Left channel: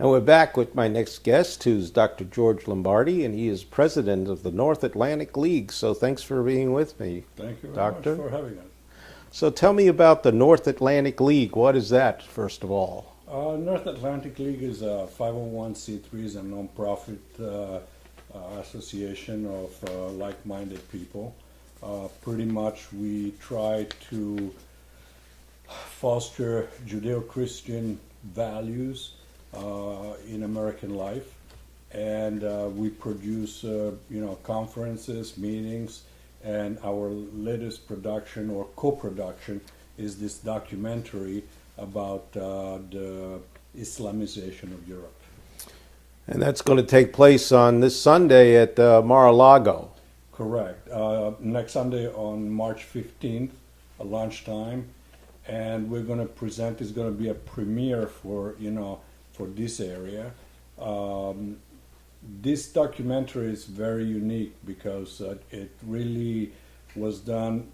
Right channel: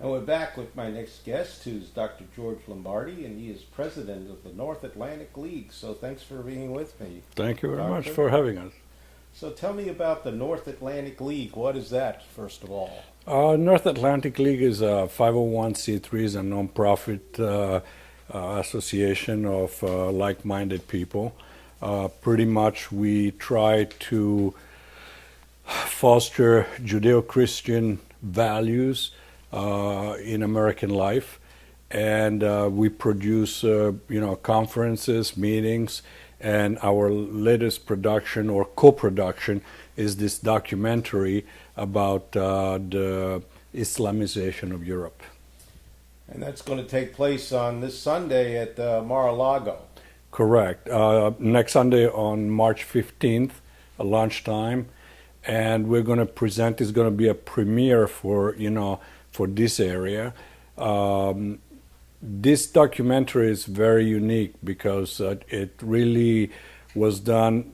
And we're back with my next guest, who's Dr. George Lombardi, and he is president of the North Atlantic League. So thanks for being with me, Thank you very much Doctor. for having us. So tell me about the North Atlantic League. What is that, first of all? North Atlantic League is a 501c3, is a nonprofit association of like-minded people. Pretty much we try to foster Judeo-Christian values in American life, and we produce conferences, meetings, and our latest production or co-production is this documentary about the Islamization of Europe. And that's going to take place on this Sunday at Mar-a-Lago. Correct. Next Sunday on March 15th, lunchtime, and we're going to present. It's going to be a premiere for this area. This documentary is very unique because it really was done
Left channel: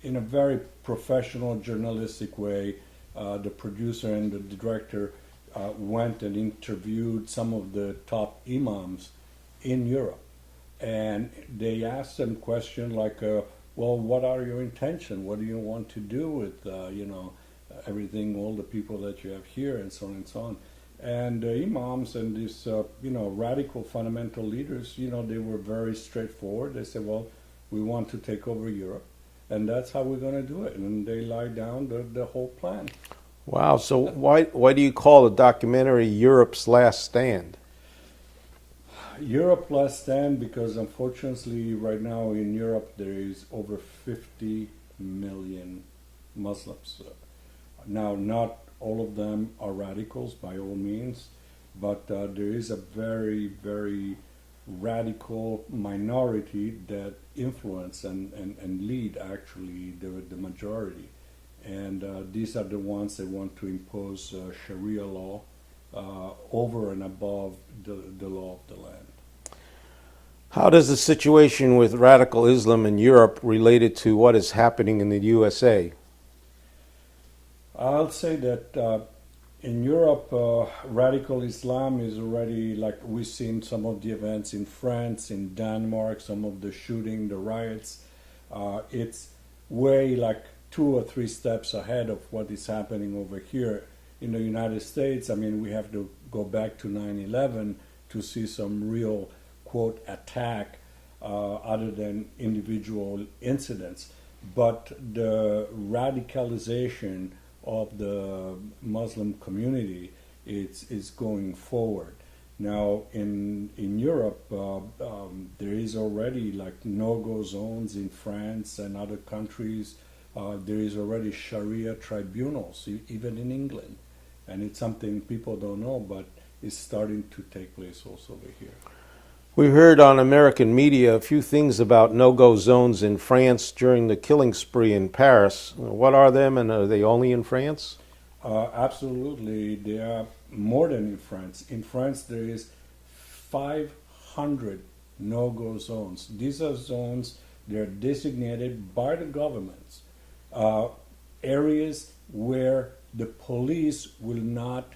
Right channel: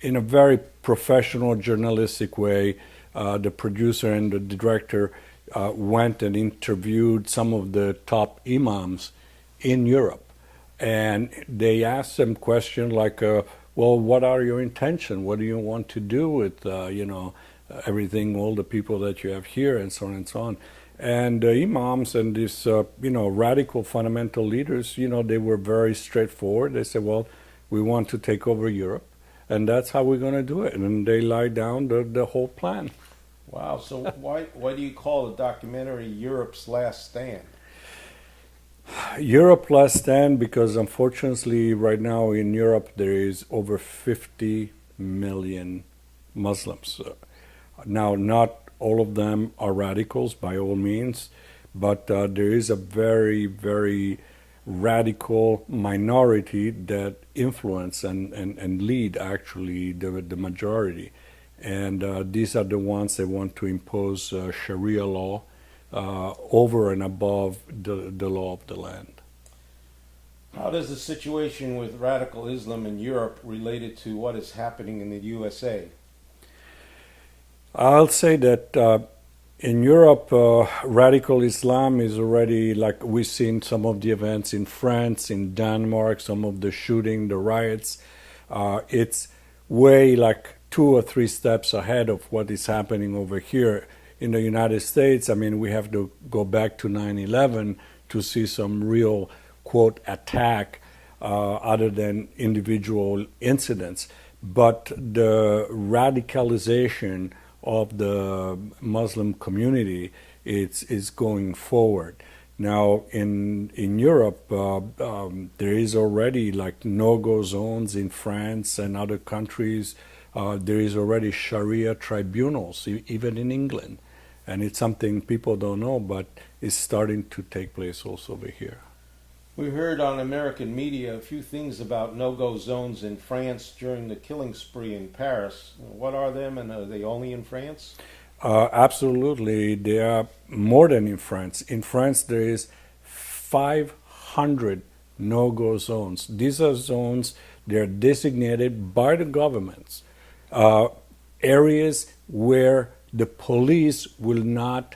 in a very professional, journalistic way. The producer and the director went and interviewed some of the top imams in Europe, and they asked them questions like, well, what are your intentions? What do you want to do with, everything, all the people that you have here, and so on and so on. And the imams and these, radical fundamental leaders, they were very straightforward. They said, well, we want to take over Europe, and that's how we're going to do it. And they laid down the whole plan. Wow. So why do you call the documentary Europe's Last Stand? Europe Last Stand because unfortunately right now in Europe there is over 50 million Muslims. Now, not all of them are radicals by all means, but there is a very, very radical minority that influence and lead actually the majority. And these are the ones that want to impose Sharia law over and above the law of the land. How does the situation with radical Islam in Europe related to what is happening in the USA? I'll say that in Europe, radical Islam is already, like we've seen some of the events in France, in Denmark, some of the shooting, the riots. It's way like 2 or 3 steps ahead of what is happening over here in the United States. I mean, we have to go back to 9/11 to see some real, quote, attack other than individual incidents. But the radicalization of the Muslim community is going forward. Now, in Europe, there is already like no-go zones in France and other countries. There is already Sharia tribunals, even in England. And it's something people don't know, but it's starting to take place also over here. We heard on American media a few things about no-go zones in France during the killing spree in Paris. What are them, and are they only in France? Absolutely. They are more than in France. In France, there is 500 no-go zones. These are zones, they're designated by the governments, areas where the police will not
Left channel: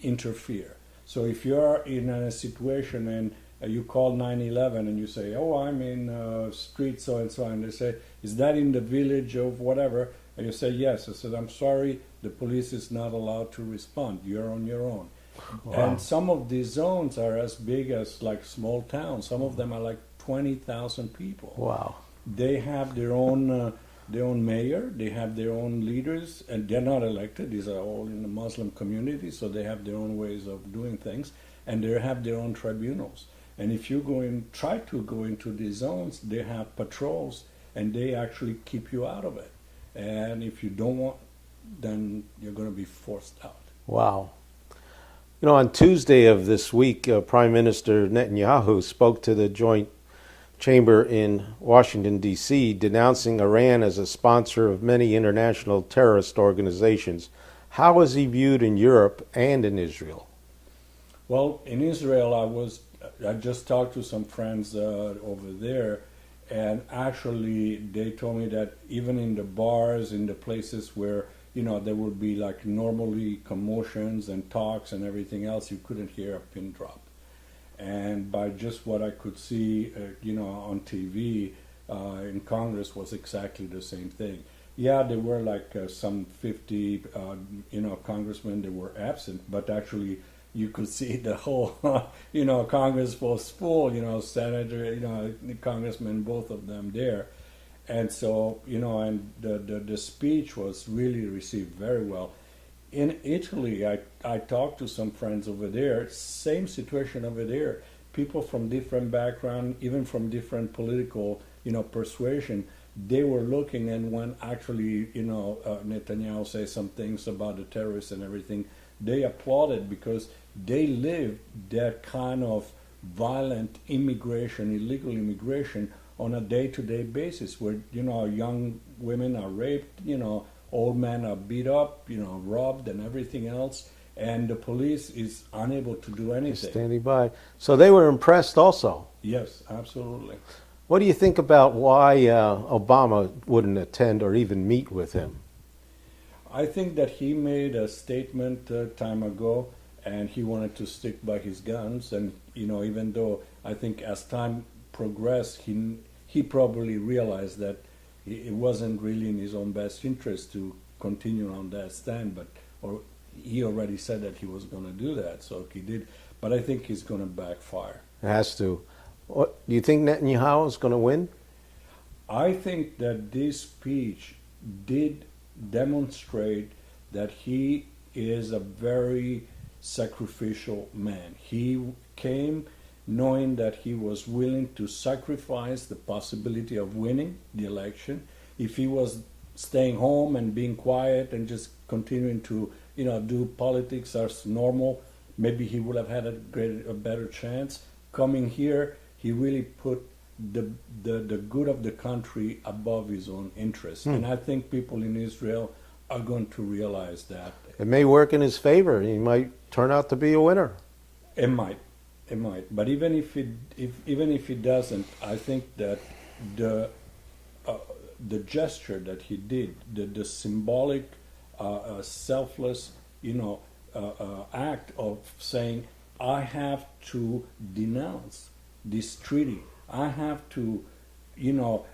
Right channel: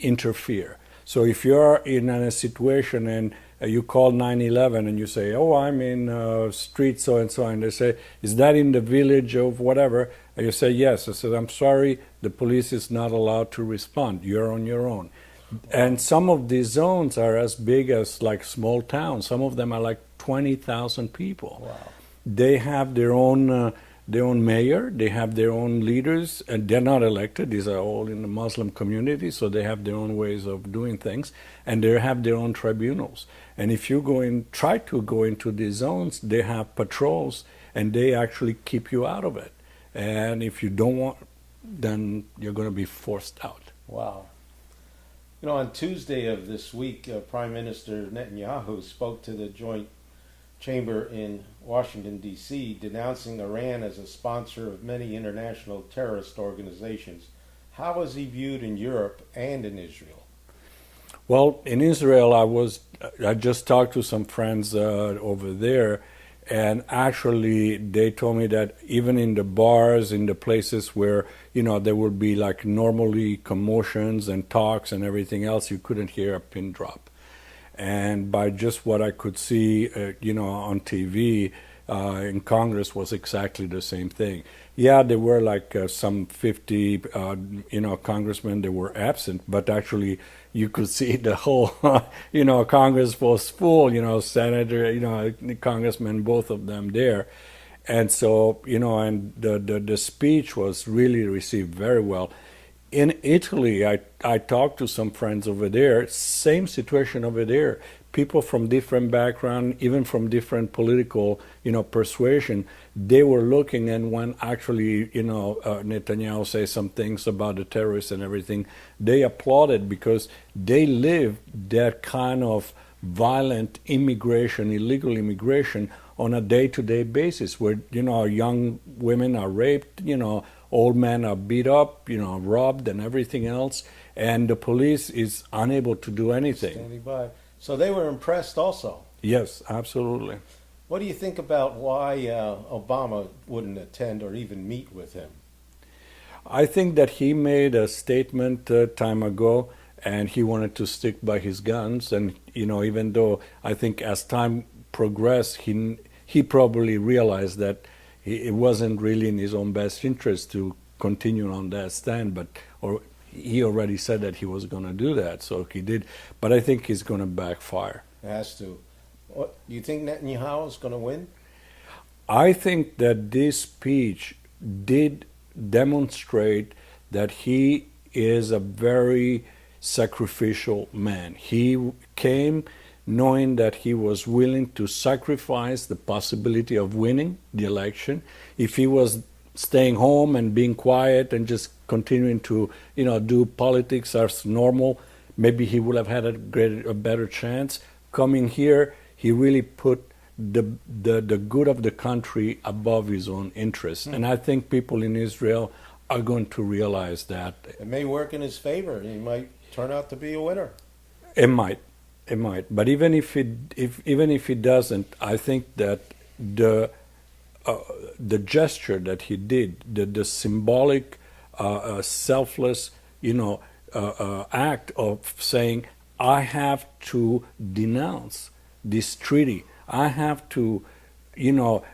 interfere. So if you're in a situation and you call 911 and you say, oh, I'm in street so and so, and they say, is that in the village of whatever? And you say, yes. I said, I'm sorry, the police is not allowed to respond. You're on your own. Wow. And some of these zones are as big as like small towns. Some of them are like 20,000 people. Wow. They have their own mayor, they have their own leaders, and they're not elected. These are all in the Muslim community, so they have their own ways of doing things, and they have their own tribunals. And if you try to go into these zones, they have patrols, and they actually keep you out of it. And if you don't want, then you're going to be forced out. Wow. You know, on Tuesday of this week, Prime Minister Netanyahu spoke to the Joint Chamber in Washington, D.C., denouncing Iran as a sponsor of many international terrorist organizations. How is he viewed in Europe and in Israel? Well, in Israel, I just talked to some friends over there, And actually, they told me that even in the bars, in the places where there would be like normally commotions and talks and everything else, you couldn't hear a pin drop. And by just what I could see, on TV, in Congress was exactly the same thing. Yeah, there were like some 50, congressmen that were absent, but actually you could see the whole, Congress was full, senator, congressmen, both of them there. And so, and the speech was really received very well. In Italy, I talked to some friends over there, same situation over there. People from different background, even from different political, persuasion, they were looking, and when actually, Netanyahu says some things about the terrorists and everything, they applauded because they live that kind of violent immigration, illegal immigration on a day-to-day basis where, young women are raped, old men are beat up, robbed and everything else, and the police is unable to do anything. Standing by. So they were impressed also. Yes, absolutely. What do you think about why Obama wouldn't attend or even meet with him? I think that he made a statement time ago, and he wanted to stick by his guns. And even though I think as time progressed, he probably realized that it wasn't really in his own best interest to continue on that stand. Or he already said that he was going to do that, so he did. But I think it's going to backfire. It has to. What, do you think Netanyahu is going to win? I think that this speech did demonstrate that he is a very sacrificial man. He came knowing that he was willing to sacrifice the possibility of winning the election. If he was staying home and being quiet and just continuing to do politics as normal, maybe he would have had a better chance. Coming here, he really put the good of the country above his own interests. And I think people in Israel are going to realize that. It may work in his favor. He might turn out to be a winner. It might. But even if it doesn't, I think that the gesture that he did, the symbolic, selfless, act of saying, I have to denounce this treaty. I have to,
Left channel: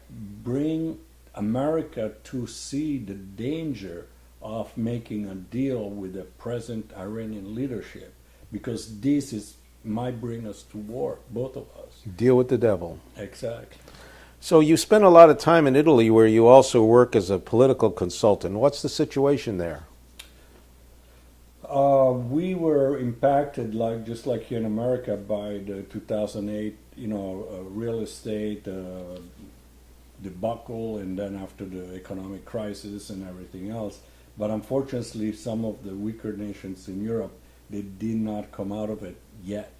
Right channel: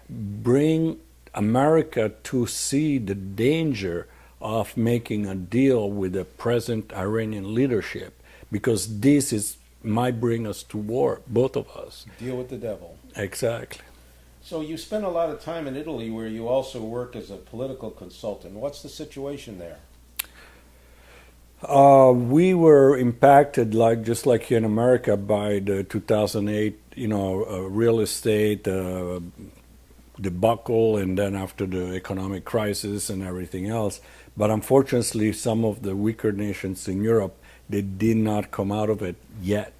bring America to see the danger of making a deal with the present Iranian leadership, because this might bring us to war, both of us. Deal with the devil. Exactly. So you spent a lot of time in Italy where you also work as a political consultant. What's the situation there? We were impacted, just like here in America, by the 2008, real estate debacle, and then after the economic crisis and everything else. But unfortunately, some of the weaker nations in Europe, they did not come out of it yet.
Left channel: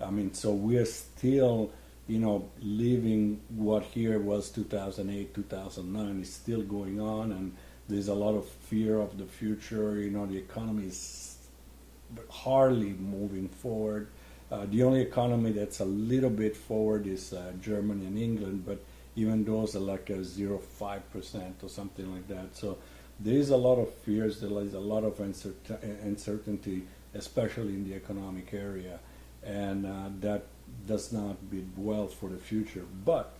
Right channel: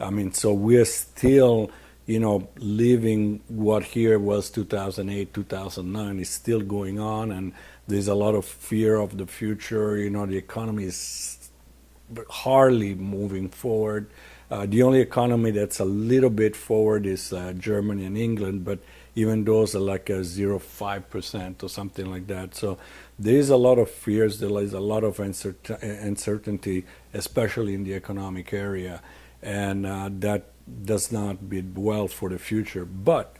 I mean, so we're still, living what here was 2008, 2009 is still going on, and there's a lot of fear of the future. The economy is hardly moving forward. The only economy that's a little bit forward is Germany and England, but even those are like a 0.5% or something like that. So there is a lot of fears, there is a lot of uncertainty, especially in the economic area, and that does not bode well for the future. But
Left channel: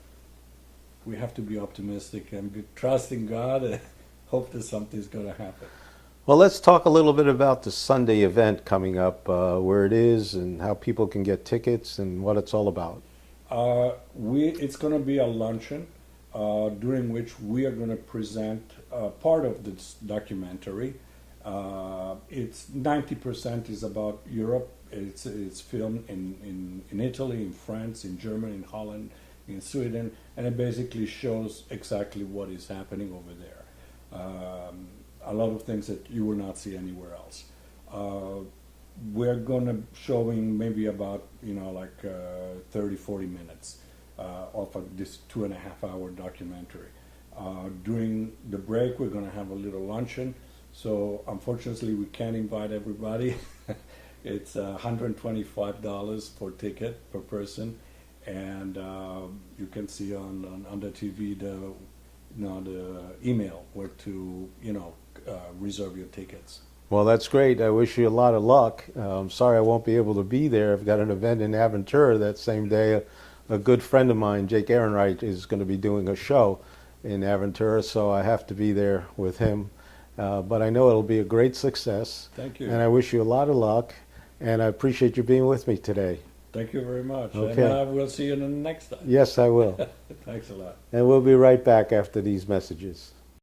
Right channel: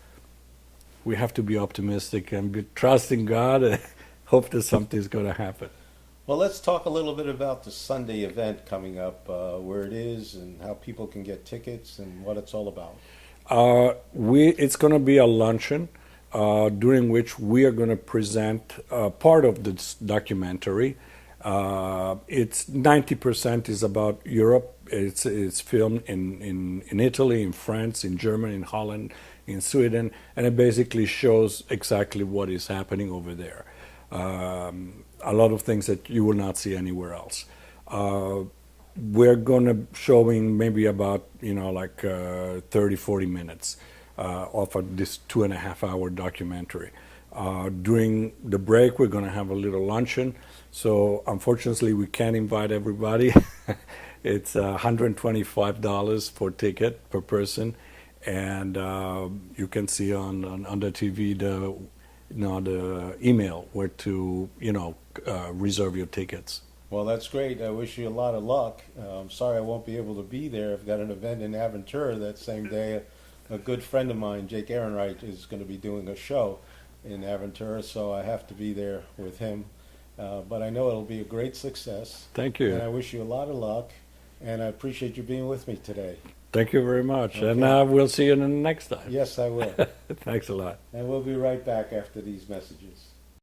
we have to be optimistic and be trusting God and hope that something's going to happen. Well, let's talk a little bit about the Sunday event coming up, where it is and how people can get tickets and what it's all about. It's going to be a luncheon during which we are going to present part of this documentary. It's 90% is about Europe. It's filmed in Italy, in France, in Germany, in Holland, in Sweden, and it basically shows exactly what is happening over there. A lot of things that you will not see anywhere else. We're going to showing maybe about 30, 40 minutes of this 2.5 hour documentary. During the break, we're going to have a little luncheon. So unfortunately, we can't invite everybody. It's $125 for ticket per person, and you can see on the TV the email where to reserve your tickets. Well, that's great. I wish you a lot of luck. I'm sorry I won't be able to be there. I've got an event in Aventura that same day. A good friend of mine, Jake Ehrenreich, is going to be doing a show in Aventura, so I have to be there with him. But I know it'll be a great success. Thank you. And I wish you a lot of luck. And I appreciate you being with me today. Thank you very much. Okay. And we'll see you the next time. Yes, I will. Thanks a lot. And we'll be right back after these messages.